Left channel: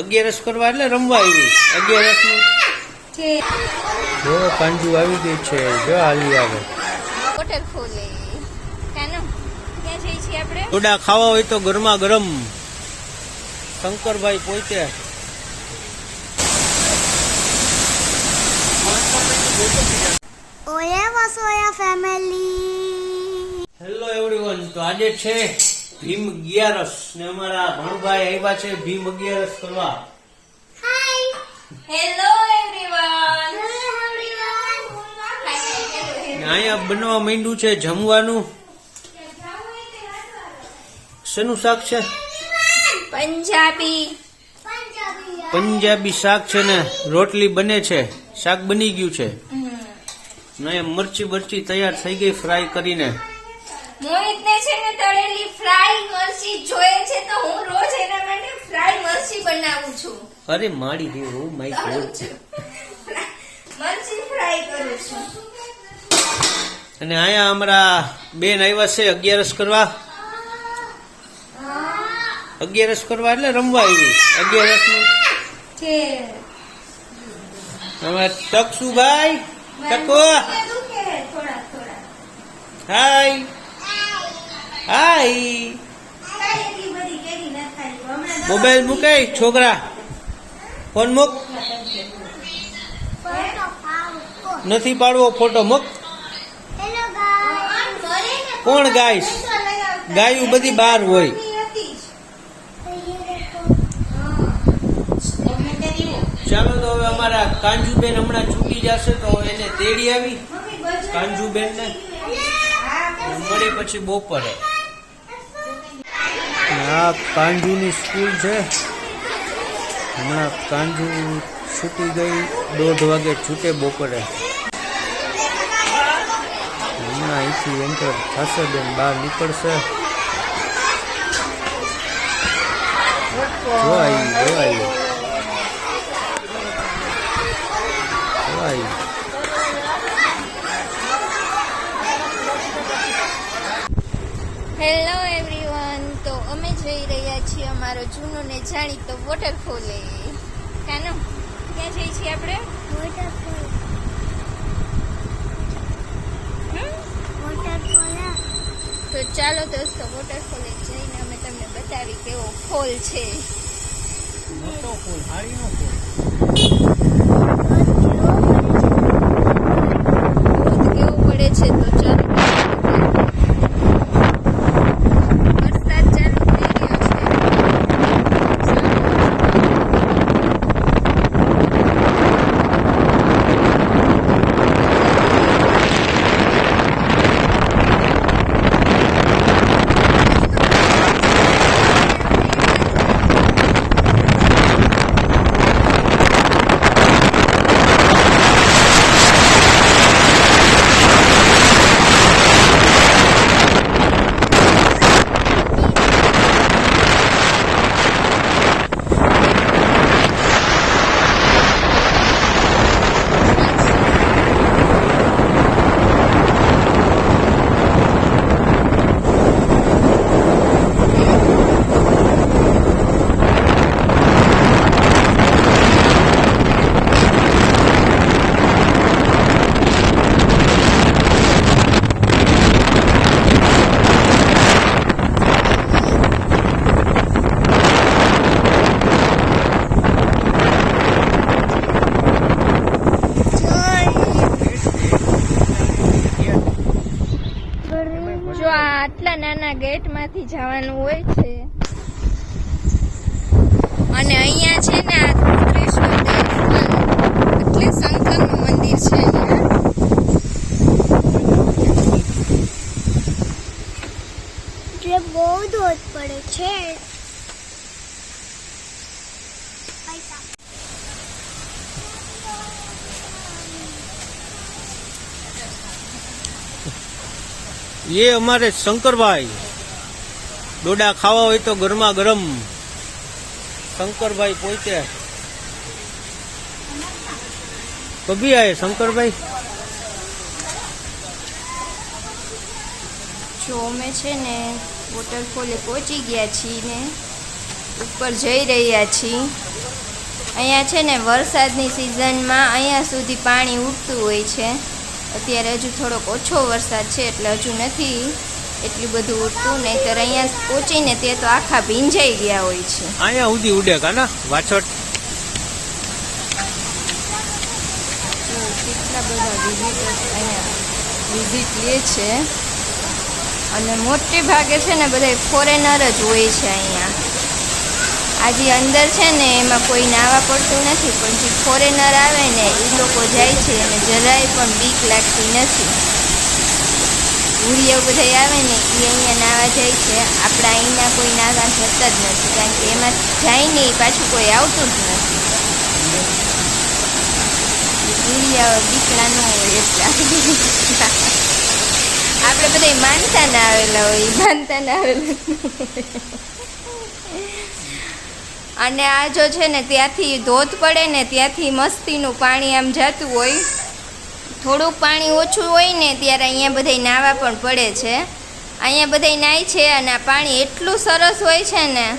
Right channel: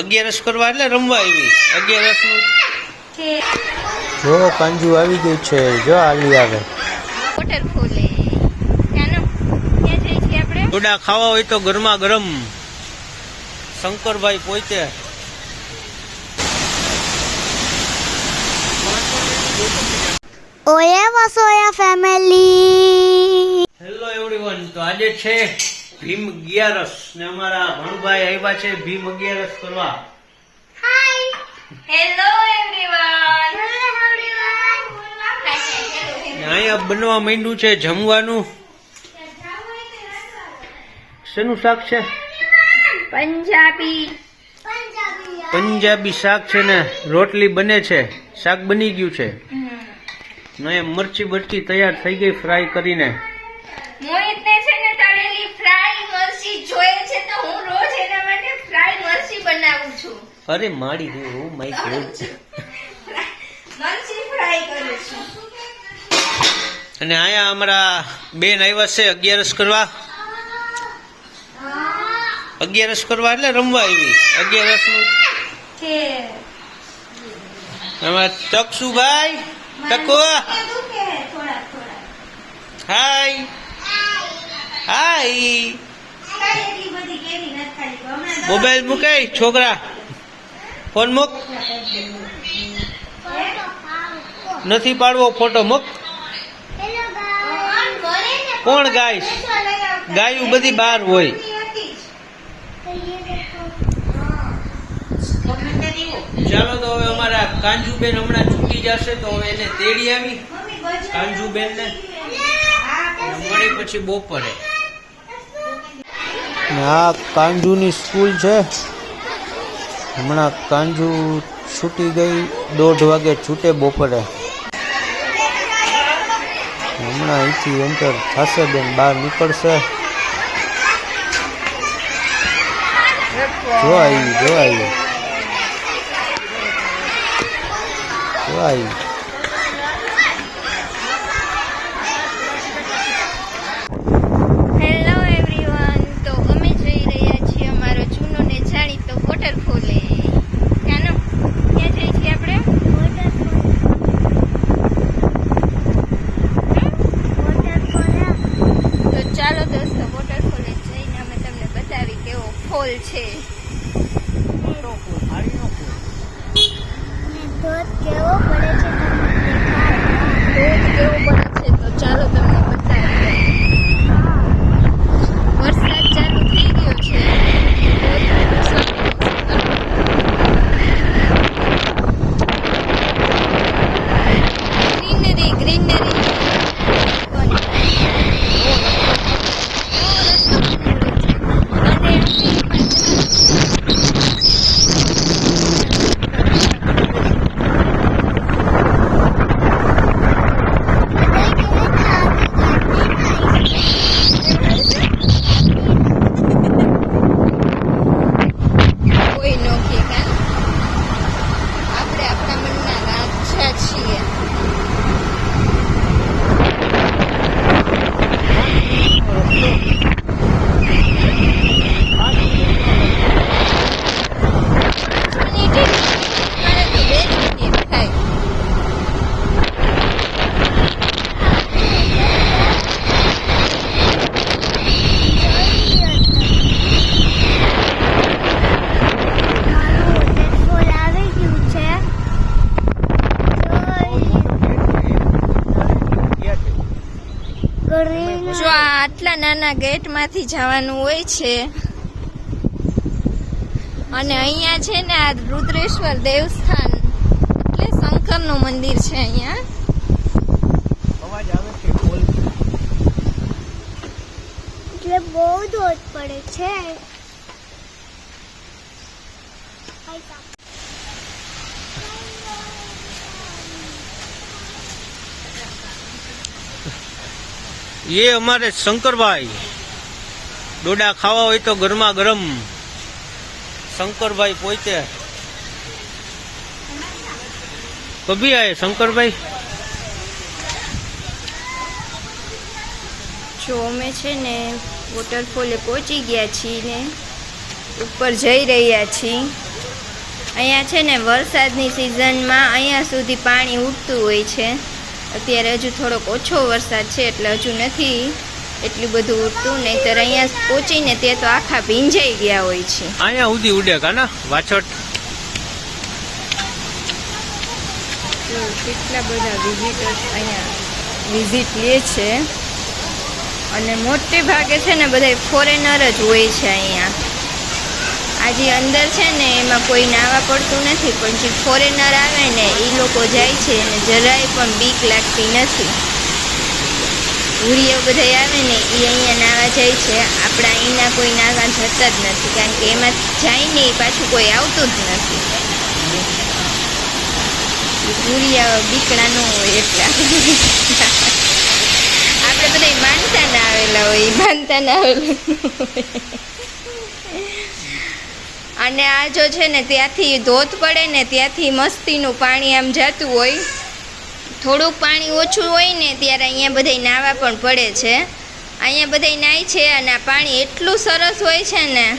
અગિયારસ કરવા એટલે રમવા આવી. અગિયારસનું જો કાંજુ આવી ગયું છે. જો આલી આવે. વોટરફોલ ડોડા ખાવા હોય તો ગરમા ગરમ. શંકરભાઈ પોતે. ઓયા વસોયા ફેમિલી હેલો એવરીવન તો આજે છે ભીમ અગિયારસ ને અમારા ભણુભાઈ આવ્યા છે ભીમ અગિયારસ કરવા. હેલો એવરીવન અહીંયા બનવા માંડ્યું છે જમવાનું. શેનું શાક છે? પંજાબી. પંજાબી શાક છે ને રોટલી બને છે. શાક બની ગયું છે. અહીંયા મરચી બરચી તૈયાર થઈ ગઈ ફ્રાય કરીને. મોહિતને છે ને તળેલી ફ્રાય મરચી જોઈએ છે તો હું રોજ એના માટે ફ્રાય મરચી બનાવું છું. અરે માડી દે ઓ માય ગોડ મરચી ફ્રાય કરું છું. અને અહીંયા અમારા બેન આવ્યા છે અગિયારસ કરવા. અગિયારસ કરવા એટલે રમવા આવી. અગિયારસનું અમારા ટકસુભાઈ ટકો. હાય. હાય. મોબાઈલ મૂકાય છોકરા. ફોન મૂક. નથી પાડવો, ફોટો મૂક. કોણ ગાઈશ? ગાયું બધી બહાર હોય. ચાલો તો હવે અમારા કાંજુબેન હમણાં છૂટી જશે તો એને તેડી આવી. કાંજુબેન ને મળી પછી બપોરે. આ કાંજુની સ્કૂલ છે. હમણાં કાંજુ છૂટી ગઈ, દોઢ વાગે છૂટે બપોરે. હમણાં અહીંથી એન્ટર થશે બેન, બહાર નીકળશે. જો આવી જો આવી હેલો એવરીવન તો અમે જઈ રહ્યા છીએ અમારો જૂનો ને જાણીતો વોટરફોલે ત્યાંનો? ક્યાં જઈએ છીએ આપણે? તો ચાલો દોસ્તો વોટરફોલે જઈને અમે તમને બતાવી કેવો ફોલ છે. ધોધ કેવો પડે છે તો ચાલો તમને બતાવીએ. વરસાદ ચાલુ થઈ ગયો છે ગ્રીનરી ગ્રીનરી જો આ આટલા નાના ગેટમાંથી જવાનું હોય છે. અને અહીંયા છે ને આ રુદ્રેશ્વર દેવસ્થાન. એટલે શંકરનું મંદિર છે અહીંયા. એટલે બહુ ધોધ પડે છે. એ અમારે શંકરભાઈ. ડોડા ખાવા હોય તો ગરમા ગરમ શંકરભાઈ પોતે. કભી આવે શંકરભાઈ? જો અમે છે ને વોટરફોલે પહોંચી ગયા છીએ ને, ઉપર જઈ રહ્યા છીએ. અહીંયા છે ને વરસાદની સિઝનમાં અહીંયા સુધી પાણી ઉગતું હોય છે. અત્યારે હજુ થોડોક ઓછો વરસાદ છે એટલે હજુ નથી એટલું બધું ઉઠતું નહીંતર અહીંયા પહોંચીને તે તો આખા ભીંજાઈ ગયા હોય છે. અહીંયા સુધી ઉડે કાના? વાછોટ. તો કેટલા બધા વિઝિટર્સ અહીંયા વિઝિટ લે છે. અને મોટે ભાગે છે ને બધા ફોરેનર જ હોય છે અહીંયા. આજે અંદર છે ને એમાં કોઈ નાવા પડતું નથી, પણ જે ફોરેનર આવે ને એ લોકો જાય છે અને જરાય પણ બીક લાગતી નથી. ભૂરીઓ બધા આવે ને એ અહીંયા નાવા જાય છે. આપણા અહીંના કોઈ નાવા જતા જ નથી, કારણ કે એમાં જાય ને એ પાછું કોઈ આવતું જ નથી. ભૂરિયા બીકડા ન હોય એટલા આપણે. બધા માનતા ના આવેલા હોય માનતા ના આવેલા. અને આ જો છે ને ત્યાંથી ધોધ પડે ને ત્યાંથી મસ્તીનું પાણી આમ જતું હોય, થોડુંક પાણી ઓછું હોય ને ત્યારે અહીંયા બધા નાવા પણ પડે છે. અહીંયા બધા નાય છે અને આ પાણી એટલું સરસ હોય છે ને.